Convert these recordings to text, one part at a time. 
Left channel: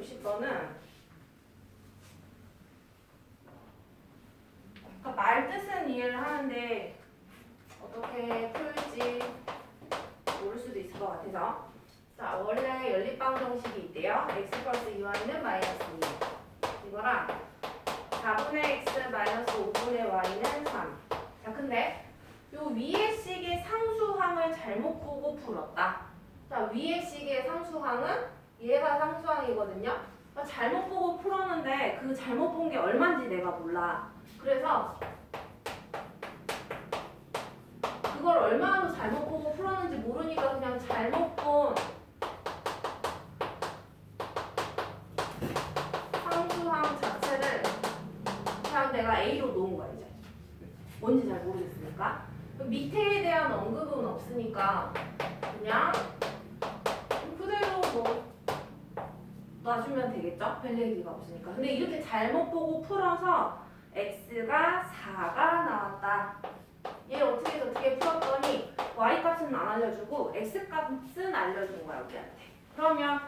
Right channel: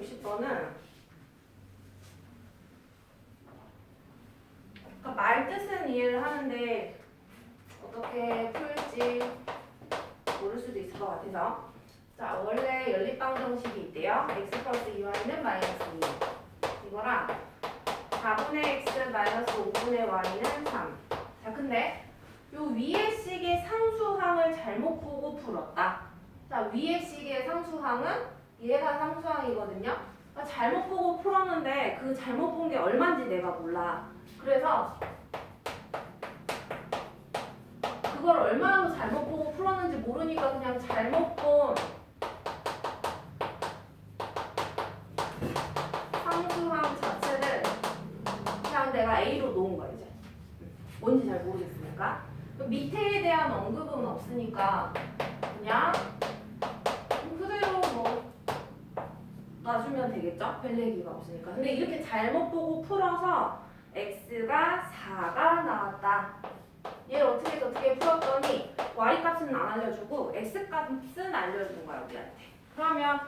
360번은 그러니까 말 뜻은 이해를 하는데 어떻게 풀지 모를 수도 있을 것 같아서 자 원래 연립방 정식이 있대요. x 플러스 2y는 마이너스 2 이거랑 4분의 x 마이너스 5분의 y는 3. 자 근데 요 위의 식의 상수항을 잘못 보고 풀었다. 자 위의 식의 상수항은 얘가 상수항이거든요. 그러니까 잘못 보고 풀었는데 그 잘못 본 게 얼마인지 내가 몰라. 그래서 그걸 얼마나 잘못 보고 풀었는지 모르니까 그냥 잘못 본 상수항 자체를 그냥 내가 A로 놓은 거야 이제. 뭔지 잘 모르겠으니까. 밑에에 대한 언급은 없으니까 그냥 그대로 뭐 놔주면 되겠죠? 별 얘기가 없으니까. 근데 이렇게 잘못 보고 풀어서 x가 4가 나왔다. 얘를 어떻게 풀었더니 y값은 안 알려주고 x값은 알려준 거야 우리한테. 그러면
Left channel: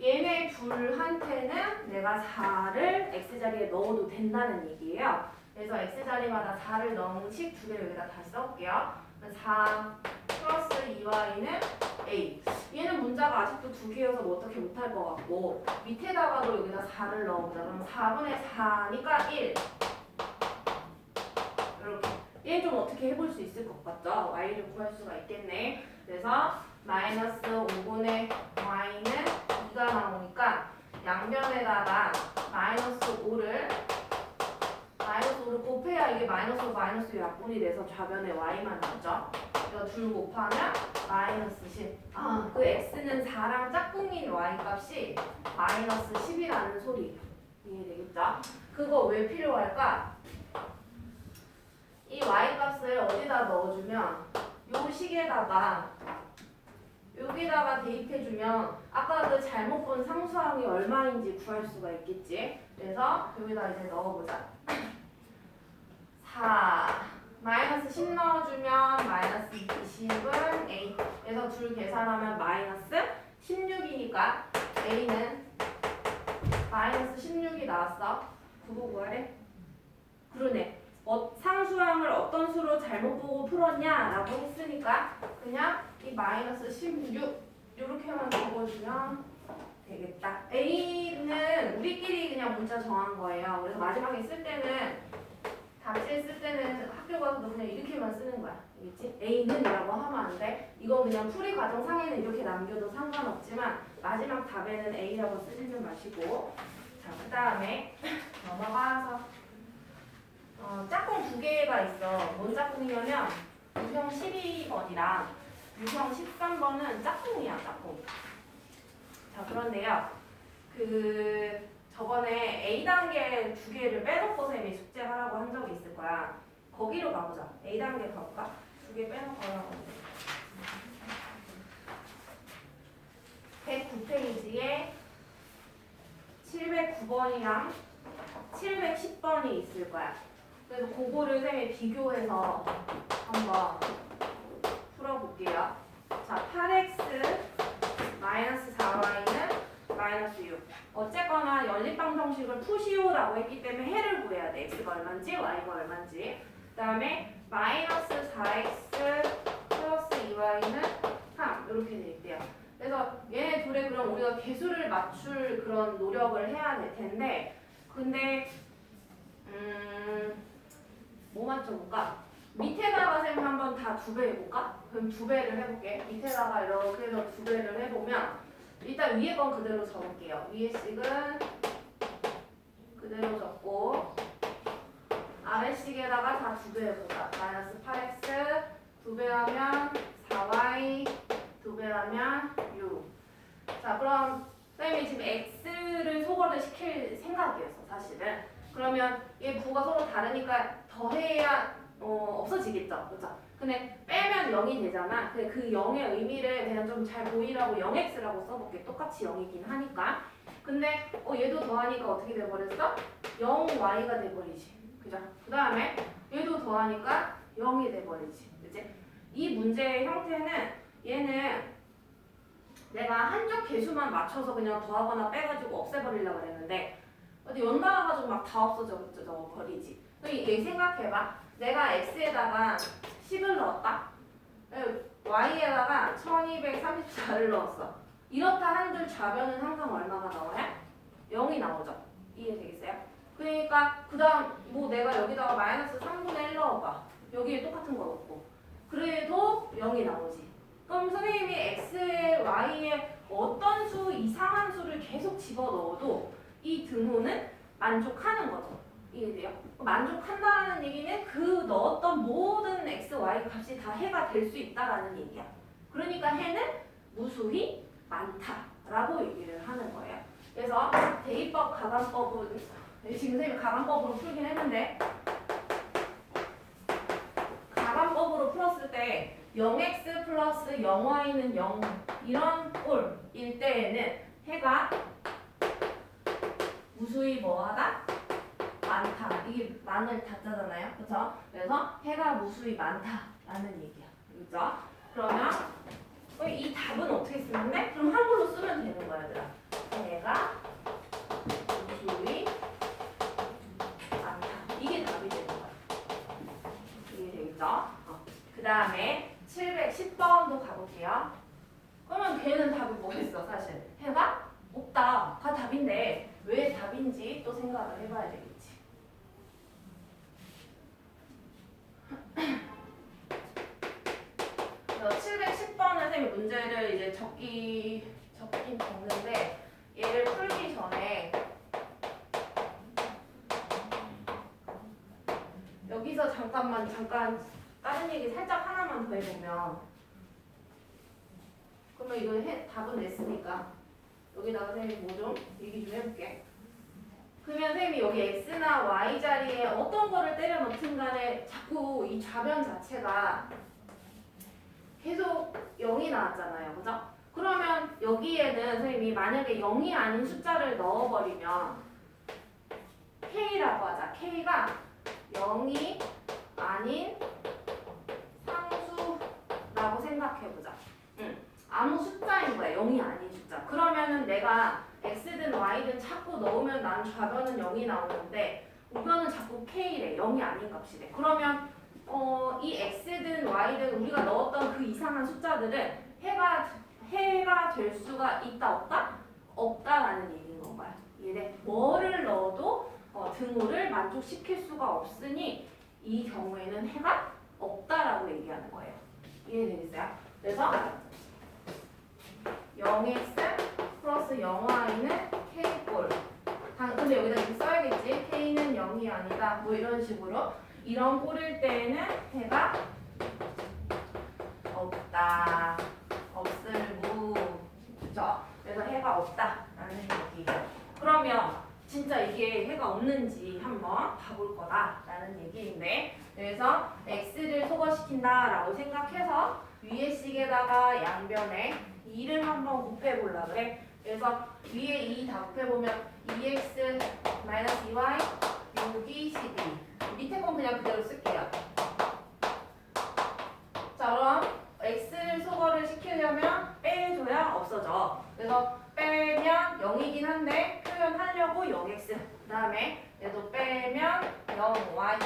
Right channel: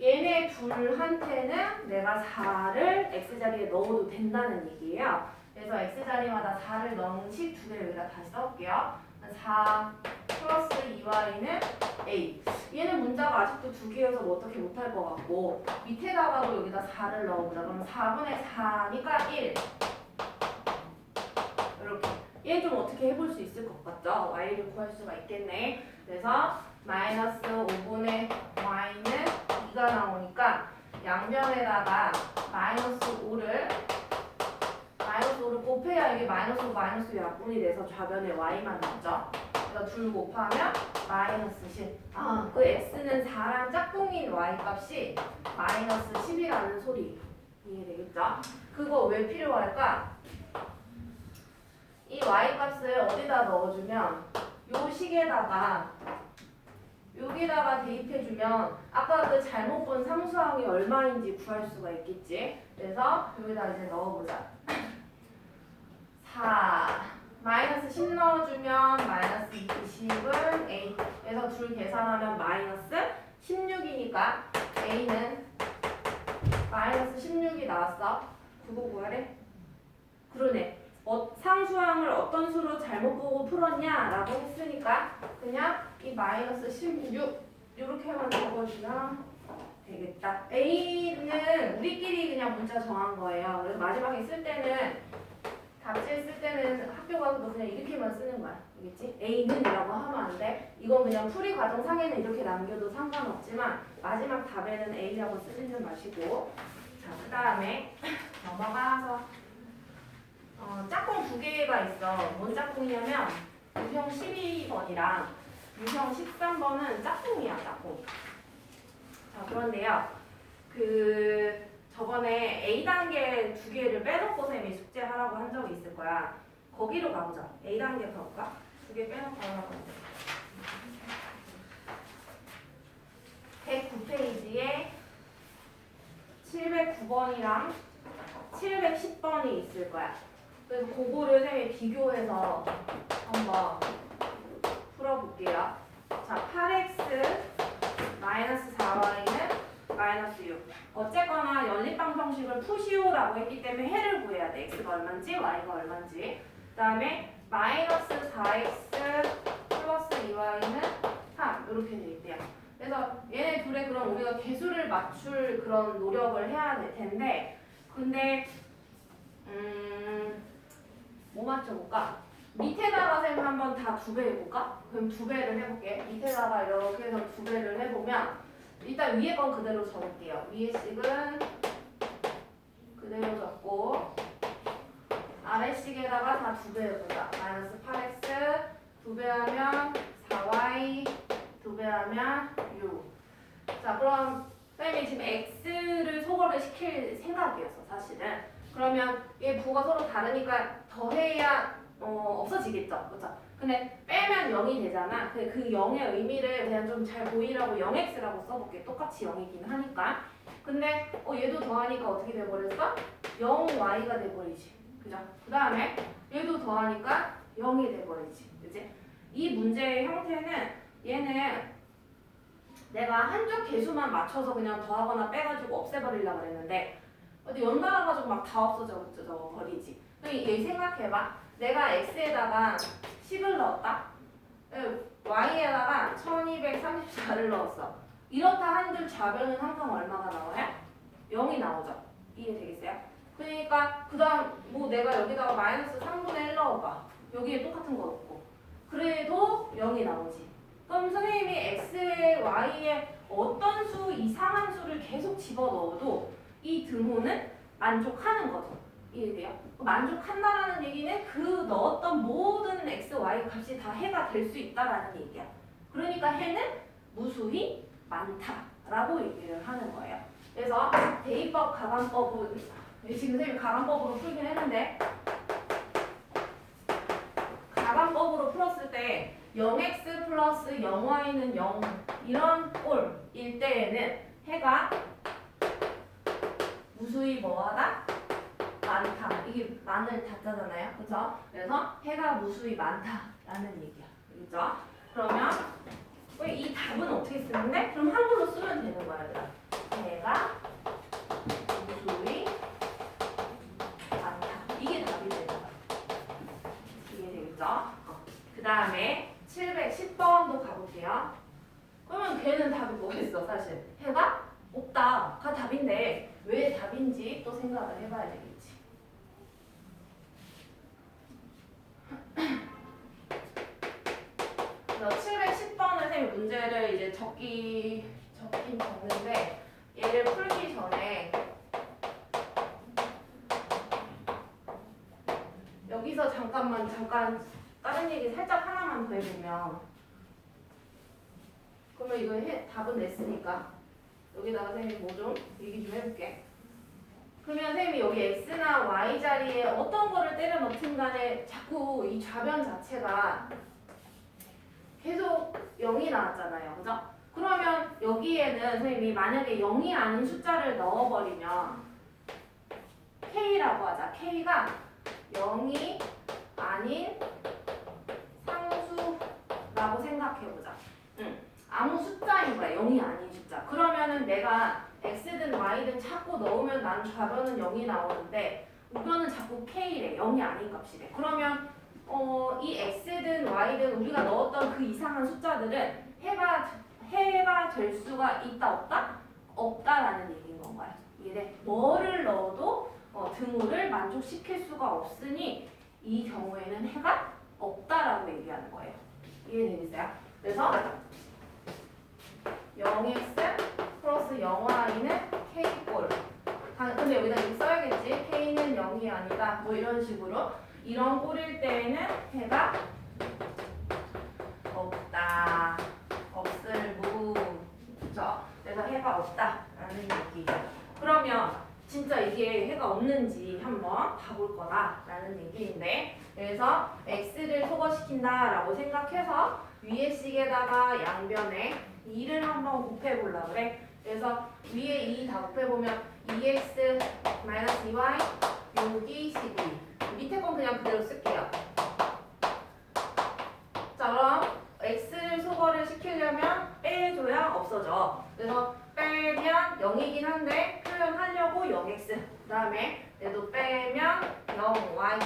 얘네 둘한테는 내가 4를 x자리에 넣어도 된다는 얘기예요. 그래서 x자리마다 4를 넣은 식 두 개를 여기다 다시 써볼게요. 4 플러스 2y는 a. 얘는 문자가 아직도 두 개여서 뭐 어떻게 못할 것 같고 밑에다가도 여기다 4를 넣어보자. 그럼 4분의 4니까 1. 이렇게. 얘는 좀 어떻게 해볼 수 있을 것 같죠? y를 구할 수가 있겠네. 그래서 마이너스 5분의 y는 2가 나오니까 양변에다가 마이너스 5를 곱해야 이게 마이너스 약분이 돼서 좌변에 y만 나오죠. 그래서 둘 곱하면 마이너스 10. 아, 그 x는 4랑 짝꿍인 y 값이 마이너스 10이라는 소리. 이해되겠죠? 그거 왜 필요할까? 이 y 값을 어디다 넣어주면 요 식에다가 여기다가 대입해주면 아까 그 잘못 본 상수항이 얼마인지 구할 수가 있겠지. 그래서 여기다 이제 넣어보자. 4 마이너스 10 넣어주면 마이너스 20은 a. 그래서 둘 계산하면 마이너스 16이니까 a는 마이너스 16이 나왔어. 그거 구하래? 그러네. 상수항을 어떤 수로 잘못 보고 풀었냐라고 했으니까 그냥 이 마이너스 16 이렇게만 적어주면 되겠다. A는 우리끼리 그냥 문자 정한 거예요. 그래서 마지막에 쓸 때는 답지에 쓸 때는 학교 가서도 그냥 이렇게만 쓰는 거야. 알겠지? A는이라고 하면 안 돼. 이건 그냥 풀이 과정 상에는 이렇게 남겨도 상관없지만 마지막 답에는 A라고 쓰지는 마시고 자, 그 다음에 넘어가서 짝꿍 두 개가 있어. 뭔 짝꿍이냐면 유형 12번이랑 유형 13번은 짝꿍이야, 짝꿍. 자, 그런데요. 저번에 A단계 두 개를 빼놓고 쌤이 숙제하라고 한 적이 있을 거야. 거기로 가보자. A단계 가볼까? 두 개 빼놓고 하라고 했는데 109페이지에 709번이랑 710번이 있을 거야. 그래서 그거를 쌤이 비교해서 한번 풀어볼게요. 자, 8x 마이너스 4y는 마이너스 6. 어쨌거나 연립방 정식을 푸시오라고 했기 때문에 해를 구해야 돼. x가 얼마인지 y가 얼마인지. 그 다음에 마이너스 4x 플러스 2y는 3 이렇게 돼 있대요. 그래서 얘네 둘의 그럼 우리가 개수를 맞출 그런 노력을 해야 될 텐데 근데 뭐 맞춰볼까? 밑에다가 쌤 한번 다 두 배 해볼까? 그럼 두 배를 해볼게. 밑에다가 이렇게 해서 두 배를 해보면 일단 위에 건 그대로 적을게요. 위에 식은 그대로 적고 아래 식에다가 다 두 배 해보자. 마이너스 8x 두 배 하면 4y 두 배 하면 6. 자 그럼 쌤이 지금 x를 소거를 시킬 생각이었어 사실은. 그러면 얘 부가 서로 다르니까 더해야 없어지겠죠. 그렇죠? 근데 빼면 0이 되잖아. 그 0의 의미를 그냥 좀 잘 보이라고 0x라고 써볼게. 똑같이 0이긴 하니까. 근데 얘도 더하니까 어떻게 돼버렸어? 0y가 돼버리지. 그죠? 그 다음에 얘도 더하니까 0이 돼버리지. 그지? 이 문제의 형태는 얘는 내가 한쪽 개수만 맞춰서 그냥 더하거나 빼가지고 없애버리려고 그랬는데 어디 연달아가지고 막 다 없어져 버리지. 얘 생각해봐. 내가 x에다가 10을 넣었다. y에다가 1234를 넣었어. 이렇다 한들 좌변은 항상 얼마가 나와요? 0이 나오죠. 이해되겠어요? 그러니까 그 다음 뭐 내가 여기다가 마이너스 3분의 1 넣어봐. 여기에 똑같은 거 넣고 그래도 0이 나오지. 그럼 선생님이 x에 y에 어떤 수 이상한 수를 계속 집어넣어도 이 등호는 만족하는 거죠. 이해돼요? 만족한다라는 얘기는 그 넣었던 모든 x, y 값이 다 해가 될 수 있다라는 얘기야. 그러니까 해는 무수히 많다라고 얘기를 하는 거예요. 그래서 대입법 가관법은 지금 선생님이 가관법으로 풀긴 했는데 가관법으로 풀었을 때 0x 플러스 0y는 0 이런 꼴일 때에는 해가 무수히 뭐하다? 많다. 이게 많을 다짜잖아요. 그렇죠? 그래서 해가 무수히 많다라는 얘기야. 그렇죠? 그러면 이 답은 어떻게 쓰는데? 그럼 한글로 쓰면 되는 거야, 얘들아. 해가 무수히 많다. 이게 답이 되는 거야. 이게 되겠죠? 그 다음에 710번도 가볼게요. 그러면 걔는 답이 뭐겠어, 사실? 해가 없다가 답인데 왜 답인지 또 생각을 해봐야 되겠지. 그래서 710번을 선생님이 문제를 이제 적긴 적는데 얘를 풀기 전에 여기서 잠깐 다른 얘기 살짝 하나만 더 해보면 그러면 이거 답은 냈으니까 여기다가 선생님이 뭐 좀 얘기 좀 해볼게. 그러면 선생님이 여기 x나 y 자리에 어떤 거를 때려 넣든 간에 자꾸 이 좌변 자체가 계속 0이 나왔잖아요. 그죠? 그러면 여기에는 선생님이 만약에 0이 아닌 숫자를 넣어버리면 k라고 하자. k가 0이 아닌 상수라고 생각해보자. 아무 숫자인 거야. 0이 아닌 숫자. 그러면은 내가 x든 y든 자꾸 넣으면 난 좌변은 0이 나오는데 우변은 자꾸 k래. 0이 아닌 값이래. 그러면 이 x든 y든 우리가 넣었던 그 이상한 숫자들은 해가 될 수가 있다 없다? 없다라는 얘기인 건가요. 이해 뭐를 넣어도 등호를 만족시킬 수가 없으니 이 경우에는 해가 없다라고 얘기하는 거예요. 이해되겠어요? 그래서 0x 플러스 0y는 k꼴. 근데 여기다 이렇게 써야겠지. k는 0이 아니다. 뭐 이런 식으로. 이런 꼴일 때에는 해가 없다. 없을무. 그죠? 그래서 해가 없다라는 얘기. 그러면 진짜 이게 해가 없는지 한번 봐볼 거다라는 얘기인데 그래서 x를 소거시킨다라고 생각해서 위에 식에다가 양변에 2를 한번 곱해보려고 그래. 그래서 위에 2 다 곱해보면 2x 마이너스 2y 6이 12. 밑에 건 그냥 그대로 쓸게요. 자 그럼 x를 소거를 시키려면 빼줘야 없어져. 그래서 빼면 0이긴 한데 표현하려고 0x 그 다음에 얘도 빼면 0y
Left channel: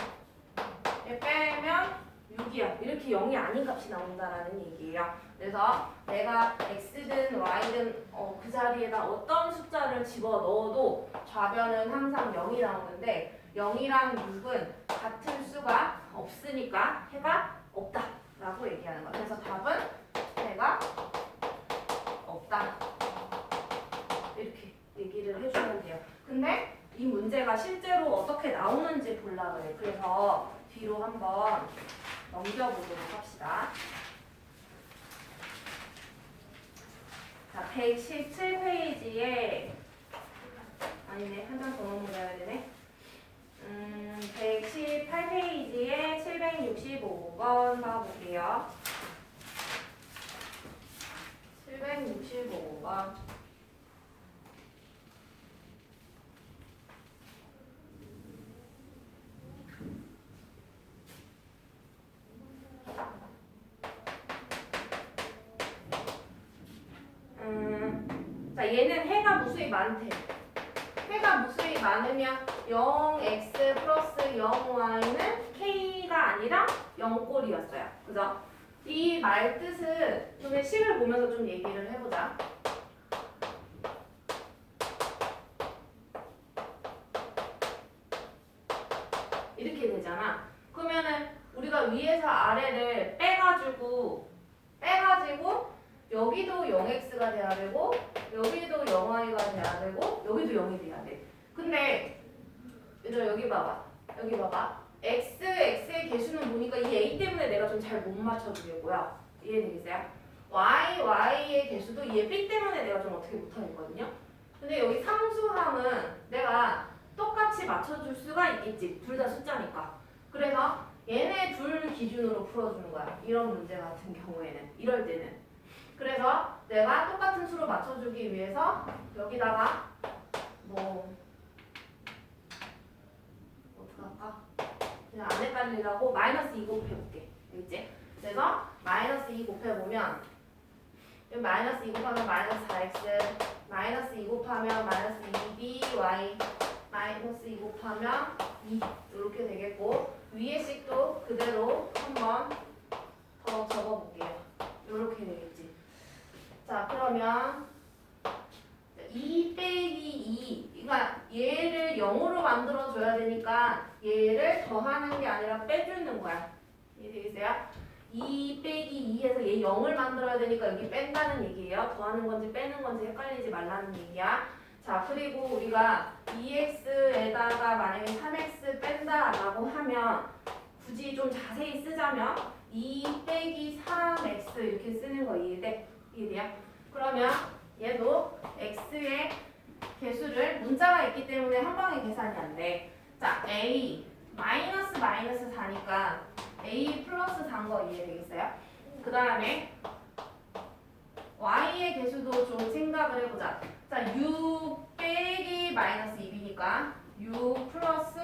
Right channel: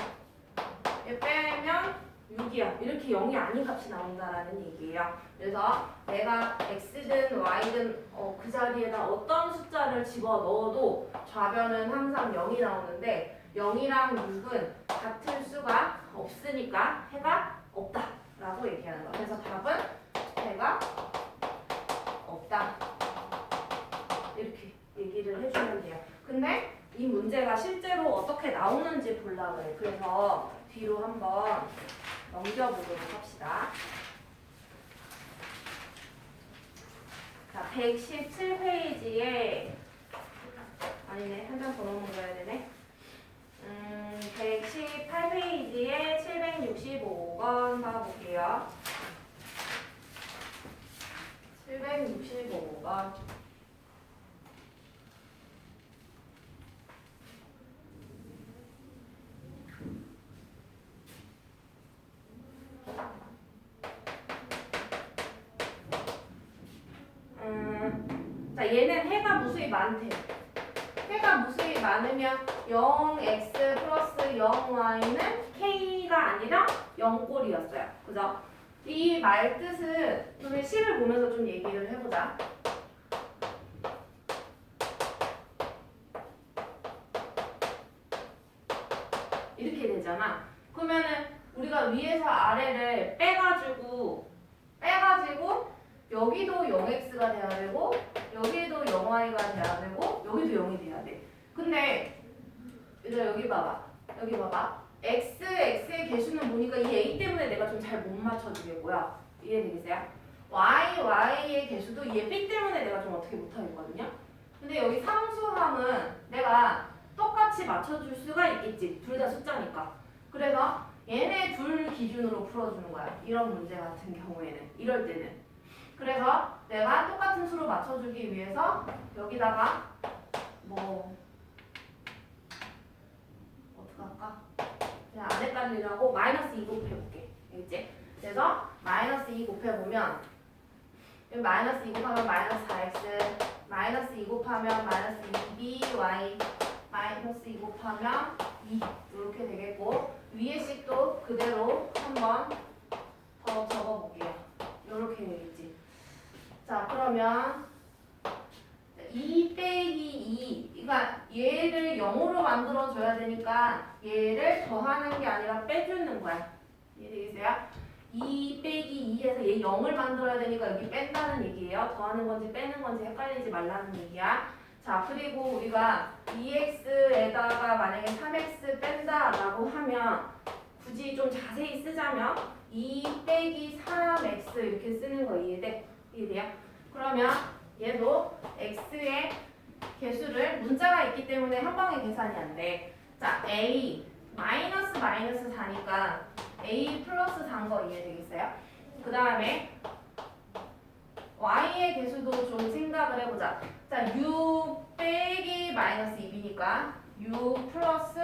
얘 빼면 6이야. 이렇게 0이 아닌 값이 나온다라는 얘기예요. 그래서 내가 x든 y든 그 자리에다 어떤 숫자를 집어넣어도 좌변은 항상 0이 나오는데 0이랑 6은 같은 수가 없으니까 해가 없다라고 얘기하는 거야. 그래서 답은 해가 없다. 이렇게 얘기를 해주면 돼요. 근데 이 문제가 실제로 어떻게 나오는지 보려고 해요. 그래서 뒤로 한번 넘겨보도록 합시다. 자, 117페이지에 아니네, 한 장 더 넘어가야 되네. 118페이지에 765번 봐볼게요. 765번. 얘는 해가 무수히 많대. 해가 무수히 많으면 0x 플러스 0y는 k가 아니라 0꼴이었어요. 그죠? 이 말 뜻은 우리 식을 보면서 좀 얘기를 해보자. 이렇게 되잖아. 그러면은 우리가 위에서 아래를 빼가지고 여기도 0x가 돼야 되고 여기도 0y가 돼야 되고 여기도 0이 돼야 돼. 근데 얘들아 여기 봐봐. x, x의 개수는 보니까 이 a 때문에 내가 좀 잘 못 맞춰주겠고요. 이해되겠어요? y, y의 개수도 얘 b 때문에 내가 좀 어떻게 못하겠거든요. 근데 여기 상수항은 내가 똑같이 맞춰줄 수가 있겠지. 둘 다 숫자니까. 그래서 얘네 둘 기준으로 풀어주는 거야. 이런 문제 같은 경우에는. 이럴 때는. 그래서 내가 똑같은 수로 맞춰주기 위해서 여기다가 뭐 어떡할까? 그냥 안 헷갈리려고 마이너스 2 곱해볼게. 알겠지? 그래서 마이너스 2 곱해보면 마이너스 2 곱하면 마이너스 4x 마이너스 2 곱하면 마이너스 2by 마이너스 2 곱하면 2 이렇게 되겠고 위에 식도 그대로 한번 더 적어볼게요. 이렇게 되겠지. 자 그러면 2 빼기 2 그러니까 얘를 0으로 만들어줘야 되니까 얘를 더하는 게 아니라 빼주는 거야. 이해되겠어요? 2 빼기 2에서 얘 0을 만들어야 되니까 여기 뺀다는 얘기예요. 더하는 건지 빼는 건지 헷갈리지 말라는 얘기야. 자 그리고 우리가 2x에다가 만약에 3x 뺀다라고 하면 굳이 좀 자세히 쓰자면 2 빼기 3x 이렇게 쓰는 거 이해돼? 이해돼요? 그러면 얘도 x의 개수를 문자가 있기 때문에 한 방에 계산이 안 돼. 자 a 마이너스 4니까 a 플러스 4인 거 이해되겠어요? 그 다음에 y의 개수도 좀 생각을 해보자. 자 6 빼기 마이너스 2b니까 6 플러스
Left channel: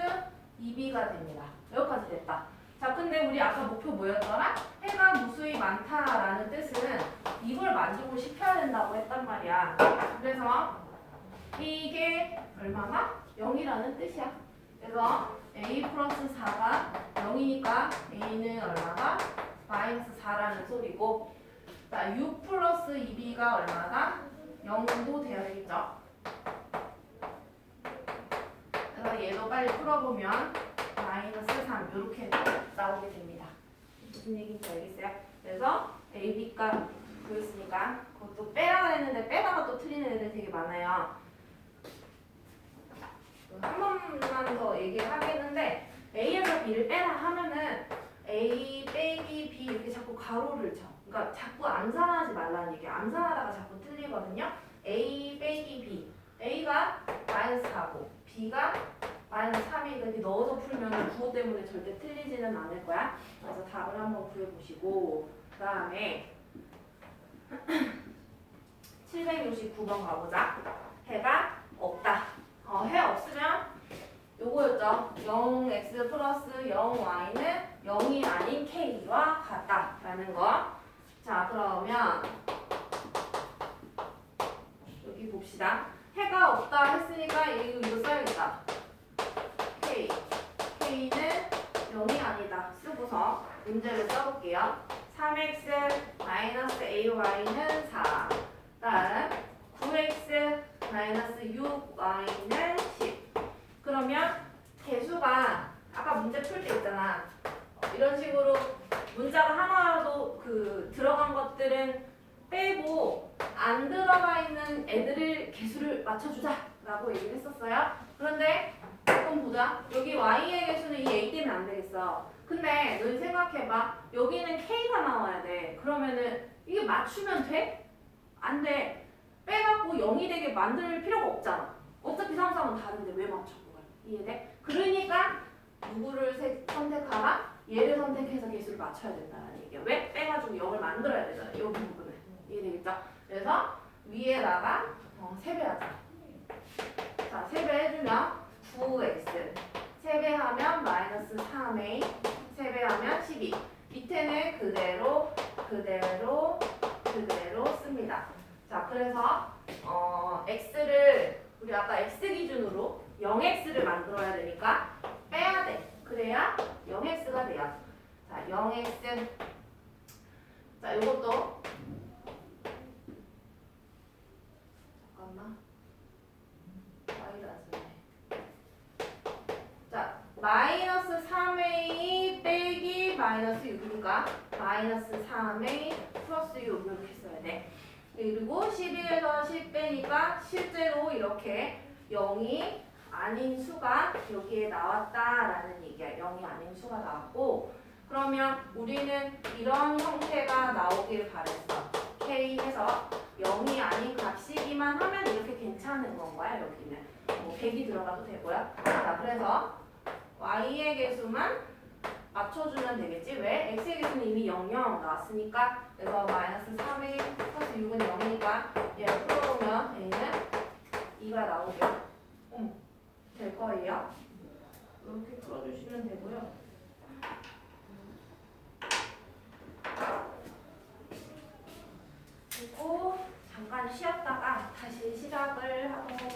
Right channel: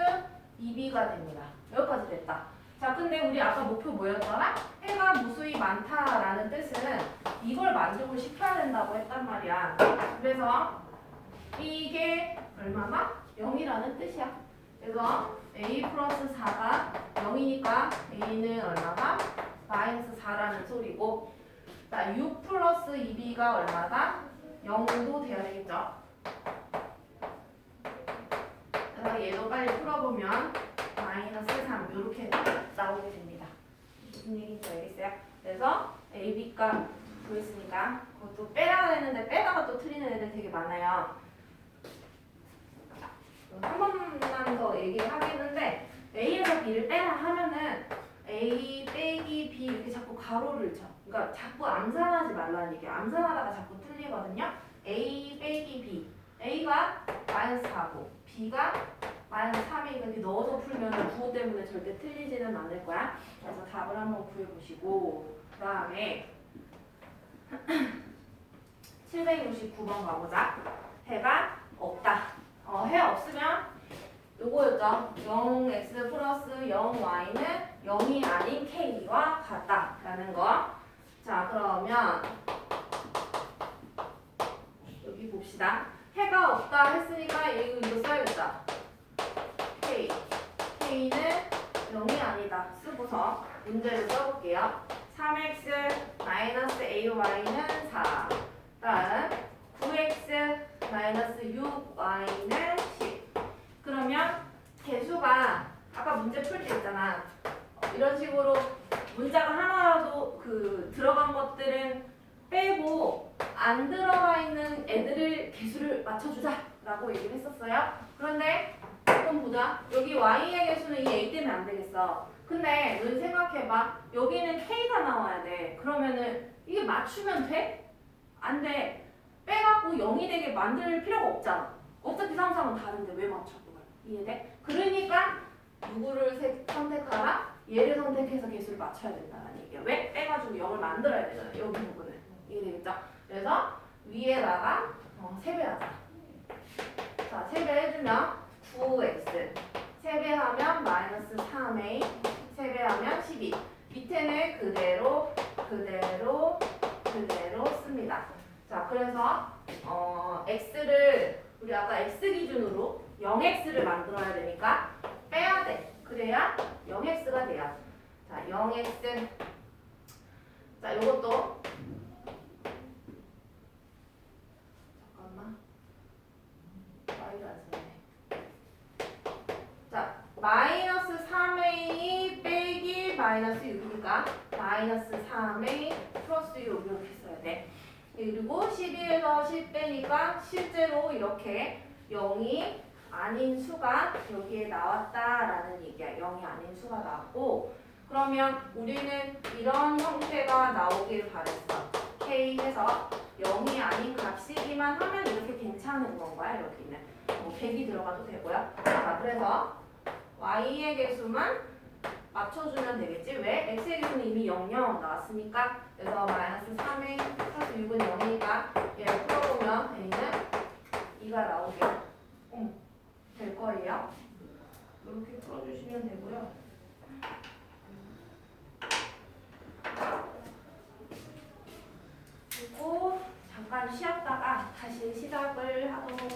2b가 됩니다. 여기까지 됐다. 자 근데 우리 아까 목표 뭐였더라? 해가 무수히 많다라는 뜻은 이걸 만족을 시켜야 된다고 했단 말이야. 그래서 이게 얼마나? 0이라는 뜻이야. 그래서 a 플러스 4가 0이니까 a는 얼마다? 마이너스 4라는 소리고 자, 6 플러스 2b가 얼마다? 0도 돼야 되겠죠. 그래서 얘도 빨리 풀어보면 마이너스 3 이렇게 나오게 됩니다. 무슨 얘기인지 알겠어요? 그래서 a, b가 보였으니까 그것도 빼라고 했는데 빼다가 또 틀리는 애들 되게 많아요. 한 번만 더 얘기를 하겠는데 A에서 B를 빼라 하면은 A 빼기 B 이렇게 자꾸 가로를 쳐. 그러니까 자꾸 암산하지 말라는 얘기야. 암산하다가 자꾸 틀리거든요. A 빼기 B. A가 마이너스 4고 B가 마이너스 3이니까 이렇게 넣어서 풀면 부호 때문에 절대 틀리지는 않을 거야. 그래서 답을 한번 구해보시고 그 다음에 769번 가보자. 해가 없다. 해 없으면 요거였죠. 0x 플러스 0y는 0이 아닌 k와 같다라는 거. 자 그러면 여기 봅시다. 해가 없다 했으니까 이거 써야겠다. k는 0이 아니다 쓰고서 문제를 써볼게요. 3x 마이너스 ay는 4. 다음 9x 마이너스 6y는 10. 그러면 개수가 아까 문제 풀 때 있잖아. 이런 식으로 문자가 하나라도 들어간 것들은 빼고 안 들어가 있는 애들을 개수를 맞춰주자 라고 얘기를 했었어요. 그런데 이건 보자. 여기 y의 개수는 이 a 때문에 안 되겠어. 근데 너희 생각해봐. 여기는 k가 나와야 돼. 그러면은 이게 맞추면 돼? 안 돼. 빼갖고 0이 되게 만들 필요가 없잖아. 어차피 상상은 다른데 왜 맞춰? 이해돼? 그러니까 누구를 선택하라? 얘를 선택해서 개수를 맞춰야 된다는 얘기야. 왜? 빼가지고 0을 만들어야 되잖아. 여기 부분을. 이해되겠죠? 그래서 위에다가 3배하자. 자, 3배 해주면 9x 3배하면 마이너스 3a 3배하면 12. 밑에는 그대로 씁니다. 자, 그래서 x를 우리 아까 x 기준으로 0x를 만들어야 되니까 빼야 돼. 그래야 0x가 돼요. 자, 0x. 자, 요것도 잠깐만. 자, 마이너스 3a 빼기 마이너스 6이니까 마이너스 3a 플러스 6 이렇게 써야 돼. 그리고 12에서 10 빼니까 실제로 이렇게 0이 아닌 수가 여기에 나왔다라는 얘기야. 0이 아닌 수가 나왔고, 그러면 우리는 이런 형태가 나오길 바랬어. k 해서 0이 아닌 값이기만 하면 이렇게 괜찮은 건가요? 여기는 뭐 100이 들어가도 되고요. 자, 그래서 y의 개수만 맞춰주면 되겠지. 왜? x의 개수는 이미 0, 0 나왔으니까. 그래서 마이너스 3에 플러스 6은 0이니까 얘를 풀어보면 a는 2가 나오게 될 거예요. 이렇게 풀어주시면 되고요. 그리고 잠깐 쉬었다가 다시 시작을 하도록